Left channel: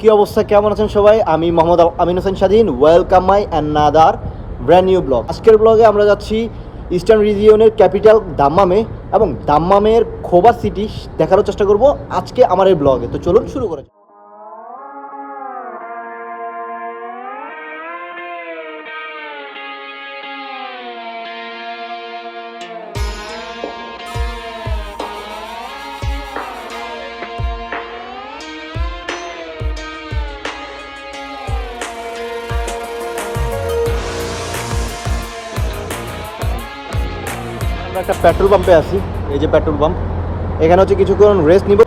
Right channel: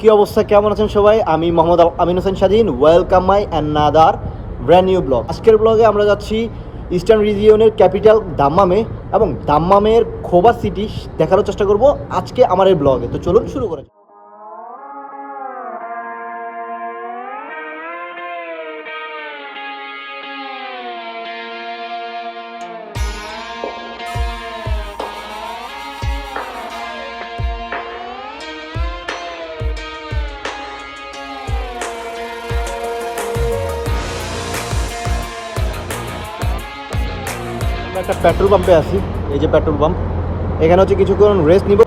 কি অবস্থা? কেমন আছেন সবাই? আমি Mohammad Amin Hossain Swadhin. Welcome my another brand new blog আজকের ব্লগে আমরা যাচ্ছি ইস্টার্ন রিজিয়নের ক্যাপিটাল দাম্মামে এবং দাম্মামের খোবা সিটি দেখার চেষ্টা করব আজকে আমার এই ব্লগে তো চলুন শুরু করা পেট্রোল পাম্পে আছি, এই যে পেট্রোল পাম্প। এখানে হচ্ছে কিছুক্ষণ রেস্ট নিব।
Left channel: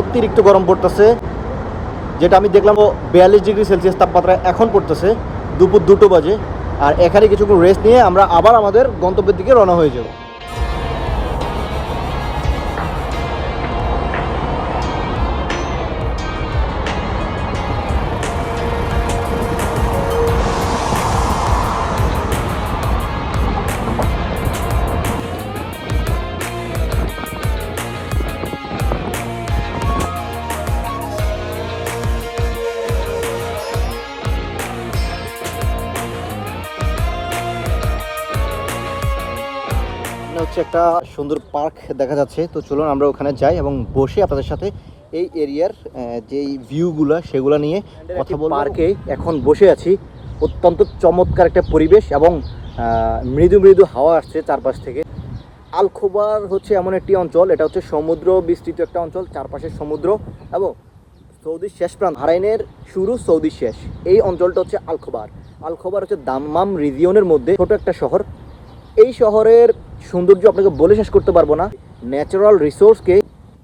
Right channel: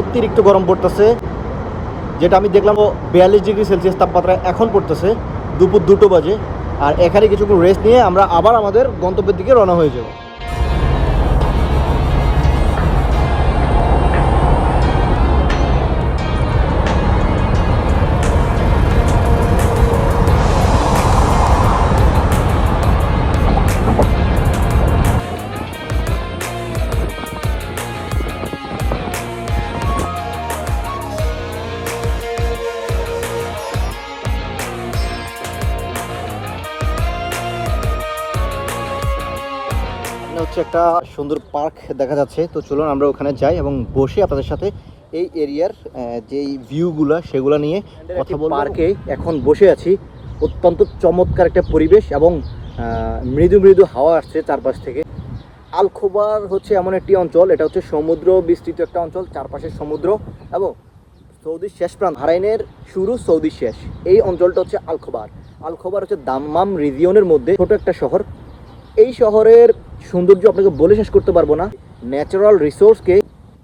অতিরিক্ত গরম পড়তেছে। যেটা আমি দেখলাম বিয়াল্লিশ ডিগ্রি সেলসিয়াস তাপমাত্রা এখন পড়তেছে, দুপুর দুটো বাজে। আর এখানে কিছুক্ষণ রেস্ট নিয়ে আমরা আবার আমাদের গন্তব্যের দিকে রওনা হয়ে যাব। হচ্ছে একটা সুন্দর পার্ক দেখা যাচ্ছে। তো চলুন আমরা ওখানে যাই এবং বসে আপনাদের সাথে এই এরিয়ার যেই ভিউগুলো সেগুলো নিয়ে কথা পার্কে এখন বসে আছি। অত্যন্ত চমৎকার একটা পরিবেশ এবং মৃদু মৃদু হাওয়া আসছে চারপাশ থেকে। আলখোবার হচ্ছে এমন একটি অঞ্চল এটা হচ্ছে সমুদ্র বিস্তৃত একটা অঞ্চল চারপাশে সমুদ্র এবং সৌদির শেষ প্রান্ত। হারাইনের শুরু সৌদির শেষ। এই অঞ্চলটা হচ্ছে আলখোবার। আলখোবার হচ্ছে দাম্মাম রিজিয়নের মধ্যে ছোট একটা শহর। এই শহরের সৌন্দর্য আপনাকে বলে শেষ করতে পারব না। ন্যাচারাল রিসোর্সকে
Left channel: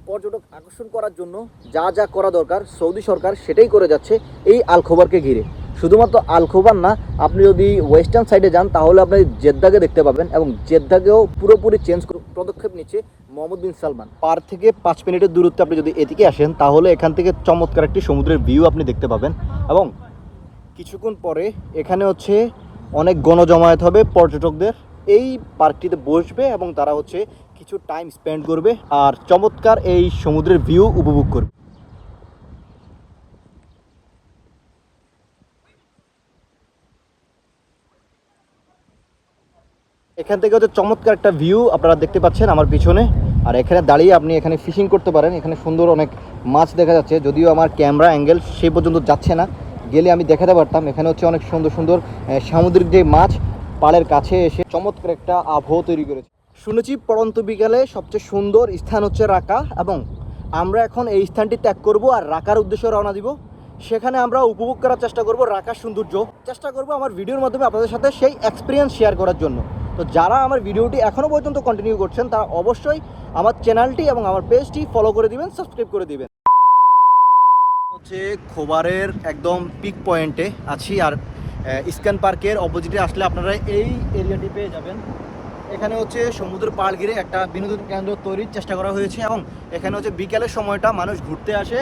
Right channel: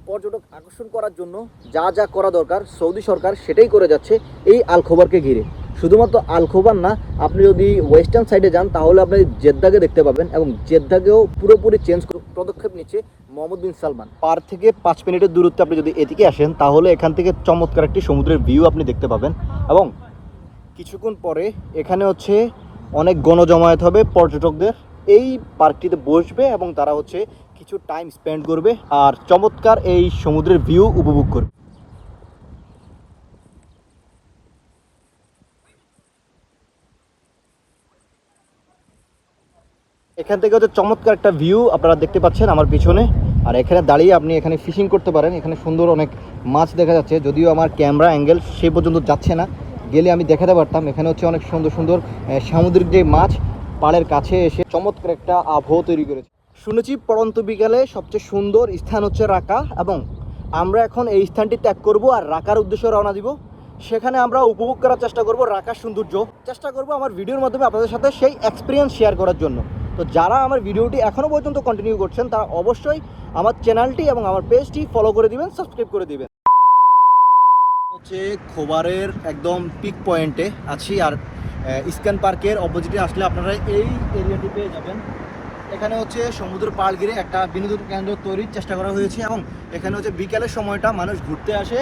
পর্যটক আকর্ষণ করার জন্য যা যা করা দরকার সৌদি সরকার সেটাই করে যাচ্ছে এই আলখোবারকে ঘিরে। শুধুমাত্র আলখোবার না, আপনি যদি ওয়েস্টার্ন সাইডে যান, তাহলে আপনি জেদ্দাকে দেখতে পাবেন এবং জেদ্দাকেও পুরোপুরি চেঞ্জ পদক্ষেপ নিচ্ছে মোহাম্মদ বিন সালমান। পার থেকে পাঁচ মিনিটের দূরত্বে আপনি যদি এদিকে আসেন, তাহলে এখান থেকে চমৎকার একটি সমুদ্রের ভিউ আপনি দেখতে পাবেন এবং কিছুক্ষণ পরে এখানে হচ্ছে অনেক গণজমায়েত হবে পর্যটকদের। এই পার্কটিতে বসবে এবং তারা হচ্ছে কিছু টাইম স্পেন্ড করবে আর চমৎকার এই সমুদ্রের ভিউ উপভোগ করবে। এখান থেকে হচ্ছে চমৎকার একটা ভিউ আপনারা দেখতে পাচ্ছেন আমার পিছনে। আর এখানে দাঁড়িয়ে আপনি এখানে ফিশিং করতে পারেন। এখানে সুন্দর অনেক মাছ দেখা যাচ্ছে। যদিও আমার ক্যামেরা অ্যাঙ্গেল সে পর্যন্ত যাচ্ছে না। গেলে আমি দেখাতে পারতাম। এখানে হচ্ছে অনেক সুন্দর সুন্দর সামুদ্রিক যে মাছ পাড়ের কাছে এসে চমৎকার একটা আবহাওয়া তৈরি করেছে। শুনেছি পড়ন্ত বিকালে সবচেয়ে সুন্দর স্থান হচ্ছে রাকা এবং আমরা এখন এই স্থানটি ত্যাগ করব আর রাকার উদ্দেশ্যে রওনা দিব। সেখানে আমরা উপভোগ করার চেষ্টা করব রাকার সৌন্দর্য। চেষ্টা করব আমার ভিডিওর মাধ্যমে আপনাদের সাথে সেই এক্সপিরিয়েন্স শেয়ার করার জন্য। তো যারা আমার ভিডিওটি এখনও পর্যন্ত কন্টিনিউ করছেন, তারা অবশ্যই আমার চ্যানেলটি এবং আমার পেজটি ফলো করে দিবেন সাবস্ক্রাইব করে দিবেন। হচ্ছে খোবারের একদম পিক পয়েন্টে আছি আর ইস্কান পার্কের অপোজিটে আসলে আপনারা এই এরিয়াটি পেয়ে যাবেন। এখানে হচ্ছে সমুদ্র পাড় ঘিরে একটা বিনোদন কেন্দ্র তৈরির চেষ্টা করা হয়েছে এবং এখানে হচ্ছে বিকালের সময়টা মানুষ ঘুরতে আসে,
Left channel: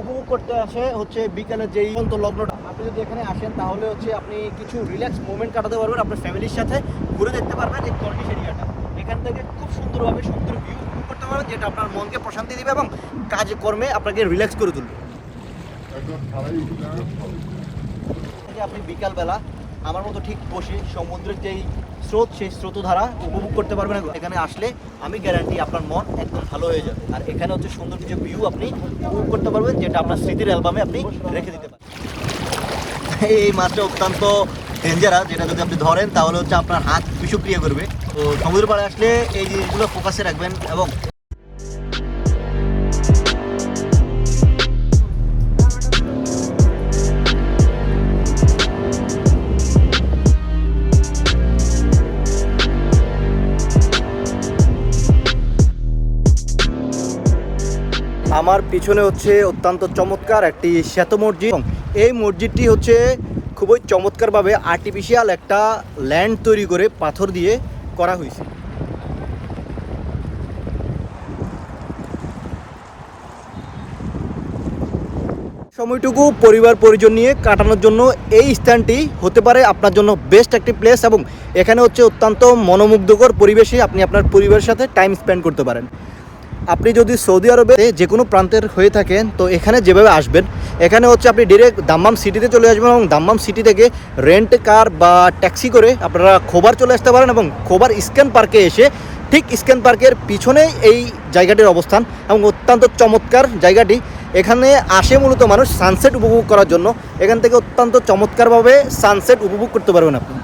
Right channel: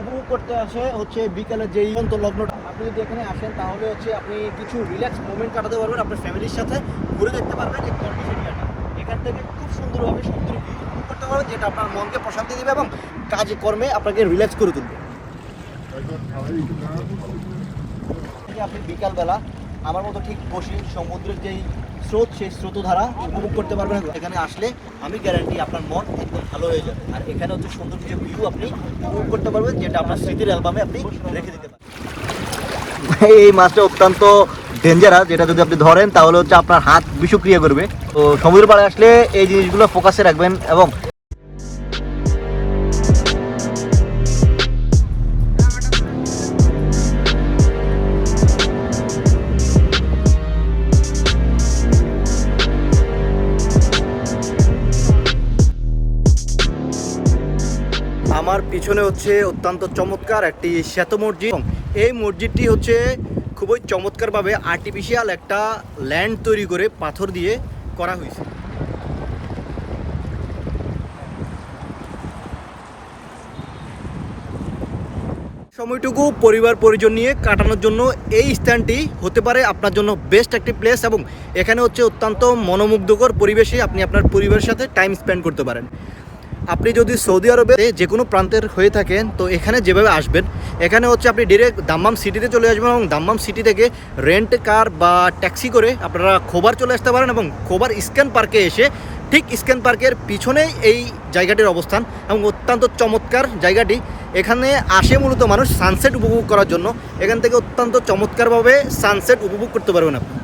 উপভোগ করতে আসে হচ্ছে বিকালের যেই লগ্নটা। আপনি যদি এখানে আসেন তাহলে হচ্ছে আপনি কিছু রিল্যাক্স মোমেন্ট কাটাতে পারবেন, আপনার ফ্যামিলির সাথে ঘুরে দেখতে পারবেন এই কর্নিশ এরিয়াটা। এখান থেকে খুব সুন্দরভাবে সমুদ্রের ভিউ উপভোগ করতে পারবেন, যেটা আপনার মনকে প্রশান্তি দেবে এবং কাজে কর্মে আপনাকে রিল্যাক্স করে তুলবে। যে আপনি বিকালবেলা আমার মতো ঠিক বসে সমুদ্রের যেই স্রোত, সেই স্রোতধারা উপভোগ করতে পারবেন। এখানে আসলে আমি গ্যারান্টি আপনার মন একদম ভালো হয়ে যাবে। আর এখানে হচ্ছে সুন্দর কিছু ভিউ আপনি উপভোগ করতে পারবেন, যেটা আপনার স্মৃতির অ্যালবামে আপনি রেখে দিতে পারেন। এই মাছটা অত্যন্ত ডেঞ্জারাস যেটা যদি আপনি ধরেন, তাহলে হচ্ছে আপনার হাত বিষক্রিয়া করবে। তো সমুদ্র পাড়ে আসলে এই জিনিসগুলো ফোকাসে রাখবেন এবং আমার পিছনে হচ্ছে অত্যন্ত চমৎকার একটি শ্বেত মসজিদ। এই মসজিদটি হচ্ছে খুবই চমৎকারভাবে আর্টিফিশিয়াল একটা ল্যান্ড তৈরি করে পাথর দিয়ে করা হয়েছে। সময়টুকু পরিবার পরিজন নিয়ে কাটানোর জন্য এই স্থানটি হতে পারে আপনার জন্য বেস্ট একটি প্লেস এবং এখানে হচ্ছে অত্যন্ত মনোমুগ্ধকর পরিবেশে আপনি আপনার পরিবারের সাথে টাইম স্পেন্ড করতে পারেন। আপনি যদি সৌদি আরবে যে কোনো প্রান্তের হয়ে থাকেন, তো এখানে যেভাবে আসবেন, এখানে হচ্ছে আপনি ডিরেক্ট দাম্মাম সিটিতে চলে আসবেন এবং দাম্মাম সিটি থেকে রেন্ট কার বা ট্যাক্সি করে আপনারা খোবার চলে আসতে পারেন এবং খোবার স্ক্যান পার্কে এসে ঠিক স্ক্যান পার্কের পিছনেই এই জায়গাটির অবস্থান এবং অত্যন্ত চমৎকার জায়গাটি। এখানে আসে মূলত মানুষ সানসেট উপভোগ করার জন্য। এখান থেকে অত্যন্ত চমৎকারভাবে সানসেট উপভোগ করতে পারবেন আপনি।